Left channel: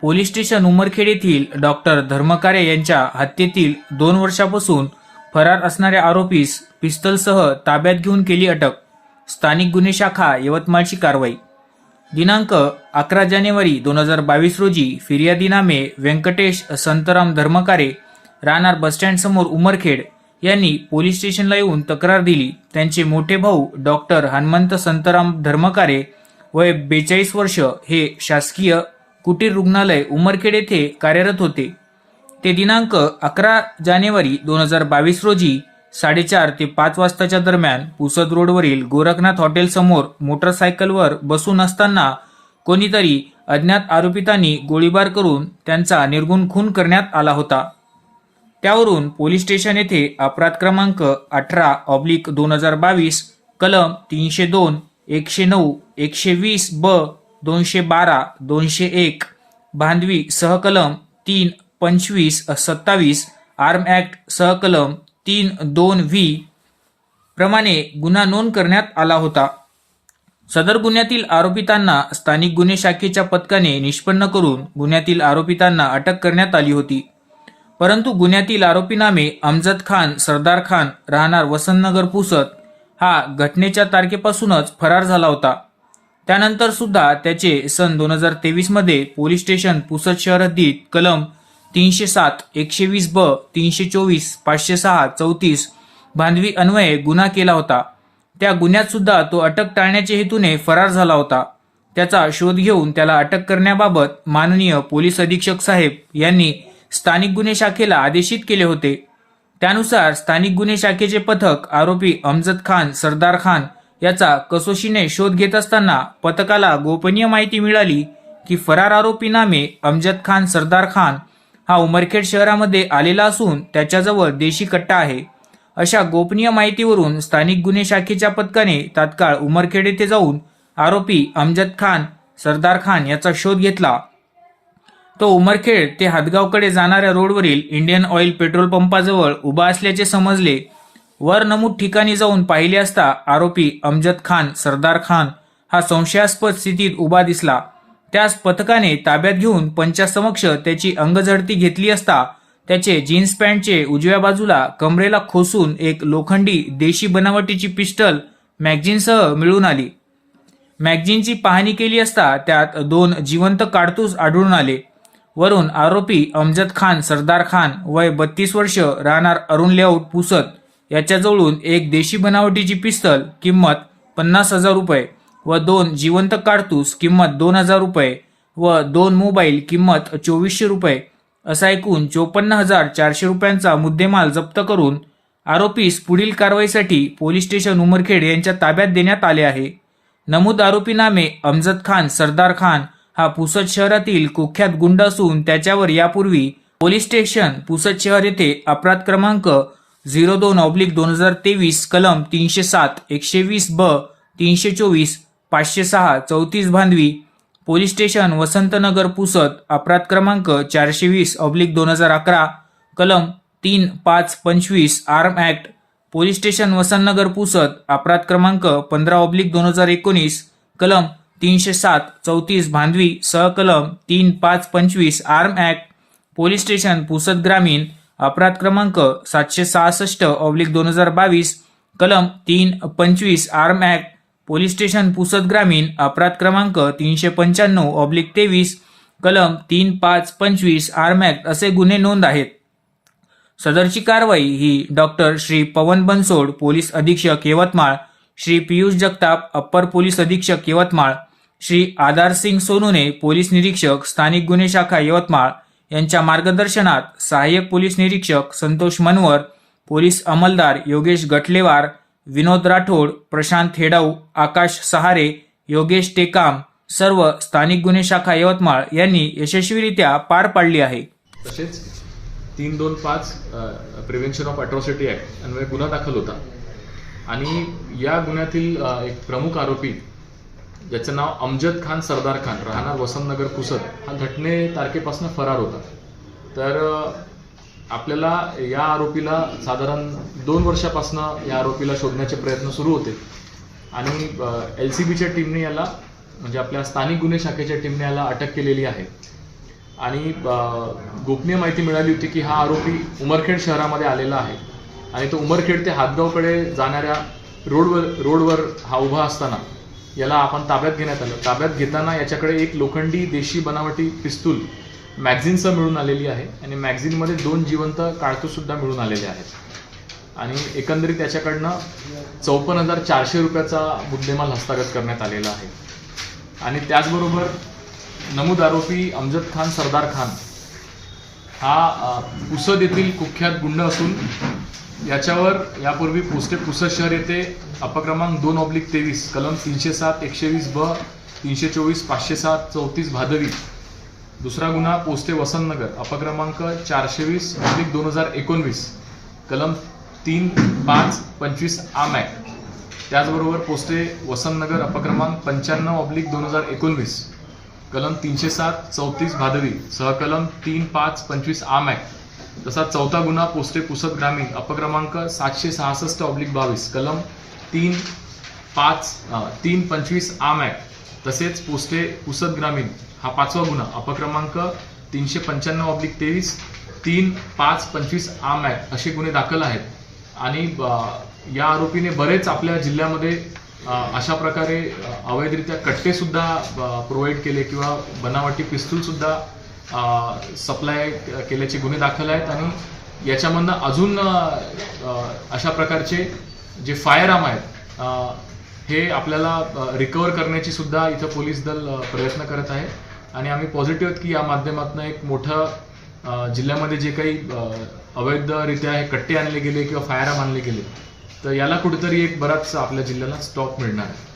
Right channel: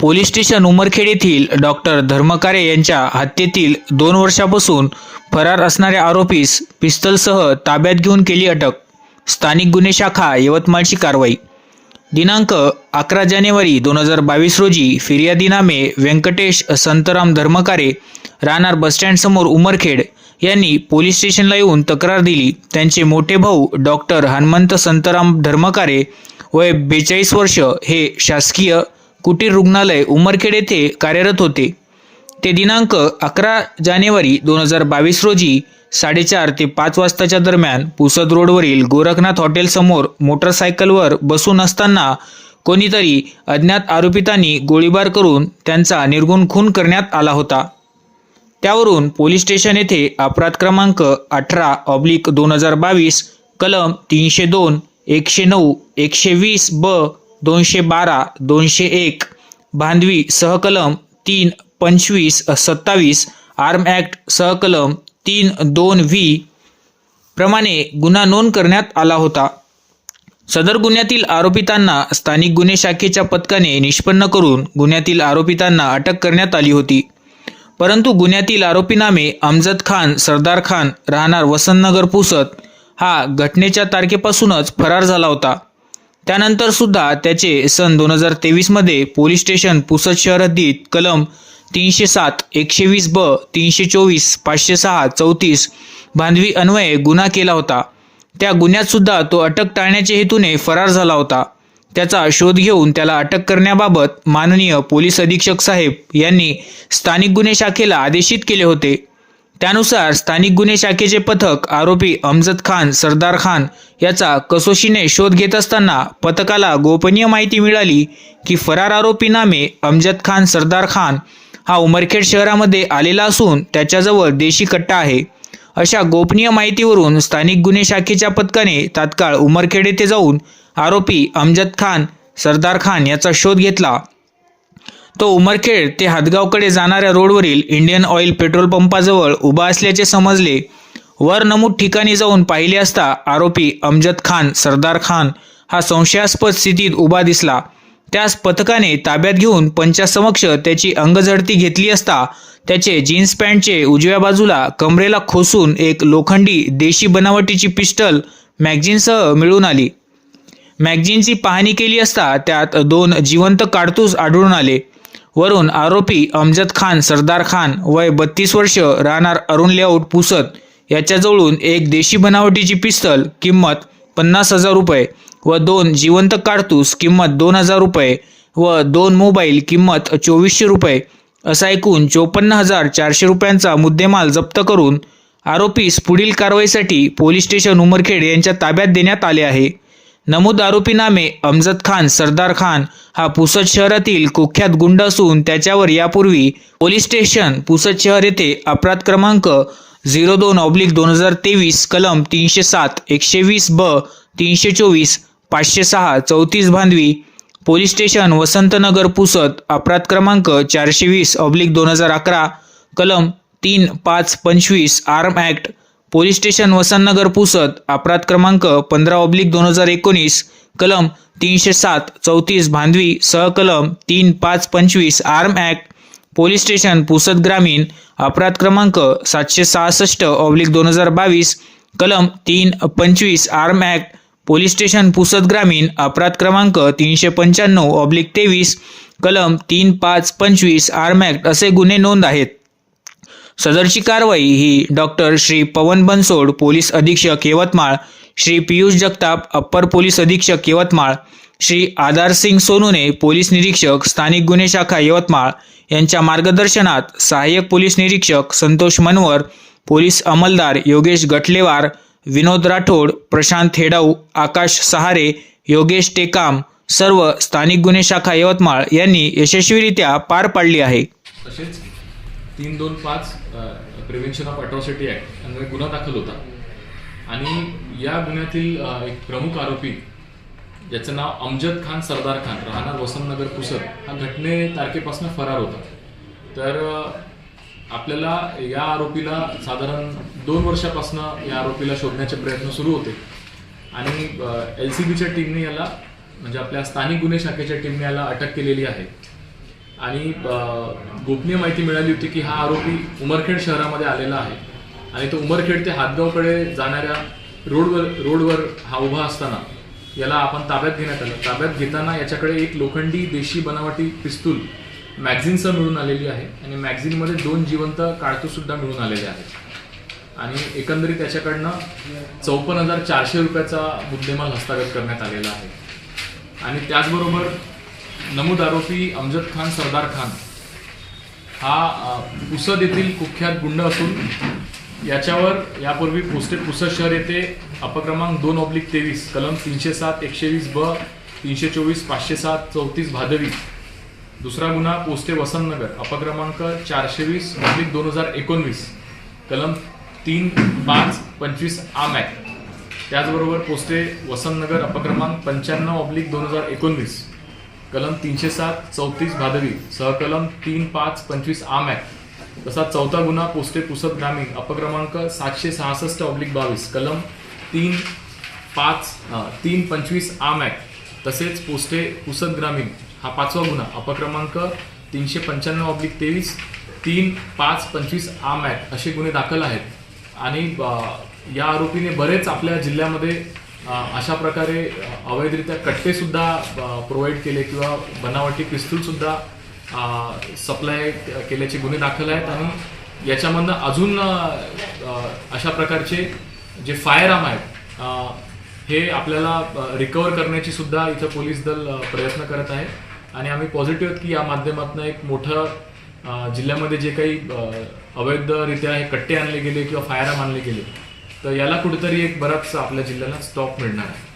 Police station Umarkhed येथील doctor धर्मकारे यांच्या हत्येतील दोन वर्षापासून फरार असणाऱ्या आरोपीस पिस्तलसह ताब्यात घेऊन केली अटक. स्थानिक गुन्हे शाखा यवतमाळची कारवाई. दिनांक अकरा जानेवारी दोन हजार बावीस रोजी फिर्यादीनामे व्यंकटेश संतराम धर्मकारे राहणार बसस्टँडसमोर उमरखेड यांनी पोलीस स्टेशनला येऊन तक्रार दिली. त्यांचे मोठे भाऊ डॉक्टर हनुमंत संतराम धर्मकारे वय बेचाळीस वर्ष हे शासकीय कुटीर रुग्णालय उमरखेड येथे कार्यरत होते. ते दिनांक अकरा जानेवारी दोन हजार बावीस रोजी साडेचार ते पाच वाजताच्या दरम्यान पुसद रोडवरील गोरखनाथ हॉटेलसमोर मोटरसायकलवर बसून असताना कोणीतरी अज्ञात आरोपितांनी गोळीबार करून त्यांचा निर्गुण खून करण्यात आला होता. त्यावरून पोलीस स्टेशन येथे अपराध क्रमांक अठरा ऑब्लिक दोन हजार बावीस कलम तीनशे दोन एकशे नऊ एकशे वीस ब दोनशे बारा दोनशे एक भांडवी सहकलम तीन पंचवीस सत्तावीस आर्म ॲक्ट सहकलम तीन दोन व्ही प्रमाणे गुन्हा नोंद करण्यात आला होता. सदर गुन्ह्यातील आरोपितांना स्थानिक गुन्हे शाखेच्या पथकाने निष्पन्न करून गुन्ह्यातील आरोपितांना अटक करण्यात आली होती. परंतु गुन्ह्यातील आरोपीनामे अमजद खान सरदार खान राहणार वसंतनगर पुसत हा घटनेच्या तारखेपासूनच फरार झाला होता. त्यानंतर सुद्धा त्याचे सन दोन हजार तेवीसमध्ये पोलीस स्टेशन पुसद शहर हद्दीत कलम तीनशे सात एकशे वीस ब तीनशे चोवीस पाचशे सहा चौतीस बांधवी अन्वये गुन्हा केला होता. त्या गुन्ह्यात सुद्धा तो अटक टाळण्याच्या हेतूने फरार झाला होता. त्याचा शोध घेऊन त्याला अटक करण्याबाबत माननीय पोलीस अधीक्षक साहेब यांनी स्थानिक गुन्हे शाखेला आदेशित केले होते. त्यानुसार स्थानिक गुन्हे शाखेचे पथक आरोपी अमजद खान सरदार खान याचा कसोशीने शोध घेत असताना पथकाला गोपनीय माहिती मिळाली की फरार आरोपी नामे अमजद खान सरदार खान हा उमरखेड शहरामध्ये आलेला असून त्याच्याजवळ देशी कट्टा आहे. अशा गोपनीय माहितीवरून स्थानिक गुन्हे शाखेच्या पथकाने तात्काळ उमरखेड येथे जाऊन आरोपी अमजद खान सरदार खान याचा शोध घेतला. तो उमरखेड ते हातगावकडे जाणाऱ्या रोडवरील इंडियन ऑइल पेट्रोल पंपाजवळ उभा असल्याचे समजले. वर नमूद ठिकाणी जाऊन पाहिले असता आरोपी अमजद खान सरदार खान हा संशयास्पद स्थितीत उभा दिसला. त्यास पथकाने ताब्यात घेऊन पंचासमक्ष त्याची अंगझडती घेतली असता त्याचे जीन्स पॅन्टचे उजव्या बाजूला कमरेला खोसून एक लोखंडी देशी बनावटीची पिस्टल मॅगझिनसह मिळून आली. मॅगझिनची पाहणी केली असता त्यात दोन जिवंत काडतूस आढळून आले. वरून आरोपी अमजद खान सरदार खान वय बत्तीस वर्ष राहणार अरुण लेआउट पुसत याच्याजवळून एक देशी बनावटीची पिस्तल किंमत पन्नास हजार रुपये व दोन जिवंत कारतूस किंमत दोन हजार रुपये व दोन मोबाईल किंमत चोवीसशे रुपये असा एकूण चोपन्न हजार चारशे रुपयांचा मुद्देमाल जप्त करून आरोपीस पुढील कारवाईसाठी पोलीस स्टेशन उमरखेड यांच्या ताब्यात देण्यात आले आहे. नमूद आरोपी नामे अमजद खान सरदार खान. हा पुसद शहरातील कुख्यात गुंड असून त्याच्यावर यापूर्वी पोलीस स्टेशन पुसद शहर येथे अपराध क्रमांक झिरो दोन ऑब्लिक दोन हजार तेवीस कलम तीनशे सात एकशे वीस ब तीनशे चोवीस पाचशे सहा चौतीस भांडवी पोलीस स्टेशन वसंतनगर पुसद अपराध क्रमांक चारशे वीस ऑब्लिक दोन हजार अकरा कलम तीन पाच पंचवीस arm act police station Vasantnagar Pusad अपराध क्रमांक पंधरा ऑब्लिक दोन हजार एकोणीस कलम तीनशे सात चौतीस भांधवी सहकलम तीन पाच पंचवीस arm act police station Pusad ग्रामीण अपराध क्रमांक सातशे सहासष्ट ऑब्लिक दोन हजार बावीस कलम तीन पंचवीस arm act police station Pusad ग्रामीण अपराध क्रमांक तीनशे पंच्याण्णव ऑब्लिक तेवीस कलम तीन पाच पंचवीस आर्म ॲक्ट असे गुन्हे नोंद आहेत. सदरची कारवाई ही डॉक्टर श्री पवन बनसोड पोलीस अधीक्षक यवतमाळ श्री पियुष जगताप अप्पर पोलीस अधीक्षक यवतमाळ श्री आधार सिंग सोनूने पोलीस निरीक्षक स्थानिक गुन्हे शाखा यवतमाळ यांच्या मार्गदर्शनात सहाय्यक पोलीस निरीक्षक संतोष मनवर पोलीस अंमलदार योगेश गटलेवार विनोद राठोड प्रशांत हेडाऊ आकाश सहारे योगेश टेकाम सर्व स्थानिक गुन्हे शाखा यवतमाळ यांनी यशस्वीरित्या पार पाडली आहे. तसेच तीन दोन पाच प्रिव्हेन्शन ऑफ अट्रॉसिटी ॲक्ट अन्वये गुन्हा दाखल होता. आणि या गुन्ह्यातील एक प्रमुख आरोपी ज्याचं नाव अमजद खान सरदार खान राहणार वसंतनगर पुसद हा घटने तारखेपासून फरार होता. तर आपल्याला या आरोपीला साधारण दोन वर्षापासून या आरोपीला शोधण्याचे प्रयत्न सुरू होते. आणि एल सी बीच्या टीमने याला म्हणजे आपल्या स्थानिक गुन्हे शाखेच्या टीमने याला अटक केलेली आहे. आणि गोपनीय माहिती मिळाली होती की हा आरोपी उमरखेड शहरामध्ये आलेला आहे. आणि तो उमरखेड ते हातगावकडे जाणाऱ्या रोडवर रोडवर हा उभा असताना याला आपण ताब्यात घेण्यात आलं. ताब्यात घेताना याच्याकडे एक लोखंडी देशी बनावटी पिस्तूल मॅगझिनसह मिळून आलेली आहे आणि मॅगझिनमध्ये दोन जिवंत काळतूसुद्धा मिळून आलेले आहेत. आणि एकंदरीत त्याच्याकडनं चौपन्न हजार चारशे रुपयाचा मुद्देमाल हस्तागत करण्यात आलेला आहे. आणि त्याचबरोबर नमूद आरोपी अमजद खान सरदार खान हा पुसद येथील कुख्यात गुंड असून याच्यावर यापूर्वी पुस्ते पुसद शहर येथे अपक्रमांक दोन ऑब्लिक तेवीस कलम तीनशे सात एकशे वीस ब तीनशे चोवीस पाचशे सात चौतीस भादवी. दुसरा गुन्हा पोस्टे वसंतनगर अपक्रमांक चारशे वीस ऑब्लिक दोन हजार एकोणवीस कलम तीन पाच पंचवीस आम ॲक्ट त्याचबरोबर पोस्टे वसंतनगर अपक्रमांक पंच्याण्णव ऑब्लिक दोन हजार एकोणवीस. कलम तीनशे सात चौतीस भादवी सहकलम तीन पाच पंचवीस आम ॲक्ट तसा चौथा गुन्हा पोस्टे पुसद ग्रामीण अपक्रमांक सातशे सहासष्ट ऑब्लिक बावीस कलम तीन पाच तीन पंचवीस आम ॲक्ट तसेच पोस्टे पुसद ग्रामीण हा पाचवा गुन्हा अपक्रमांक तीनशे पंच्याण्णव ऑब्लिक तेवीस तीन पाच पंचवीस आम ॲक्ट असे गुन्हे दाखल आहेत. आणि या आरोपीने बरेच आपल्या जिल्ह्यामध्ये अशा प्रकारे अवैधरित्या कट्टे सुद्धा प्रोव्हाइड केले किंवा बनावटी पिस्तूल सुद्धा सप्लाय केल्याचे गुन्हे दाखल आहेत आणि याच्यामधनं अजून अशा प्रकारचे जे फायर आर्म आहेत हे आपल्याला रिकवर करण्याची सुद्धा इथं पोलीस दल प्रयत्न करत आहे. आणि आम्ही पॉझिटिव्ह आहेत की या माध्यमातून एक मोठं जिल्ह्यामध्ये जे काही अवैधरित्या हे कट्टे आणले गेले किंवा फायर आर्म आणले गेले तर याला कुठेतरी एक बराच आपल्या जिल्ह्याला स्टॉप मिळणार आहे.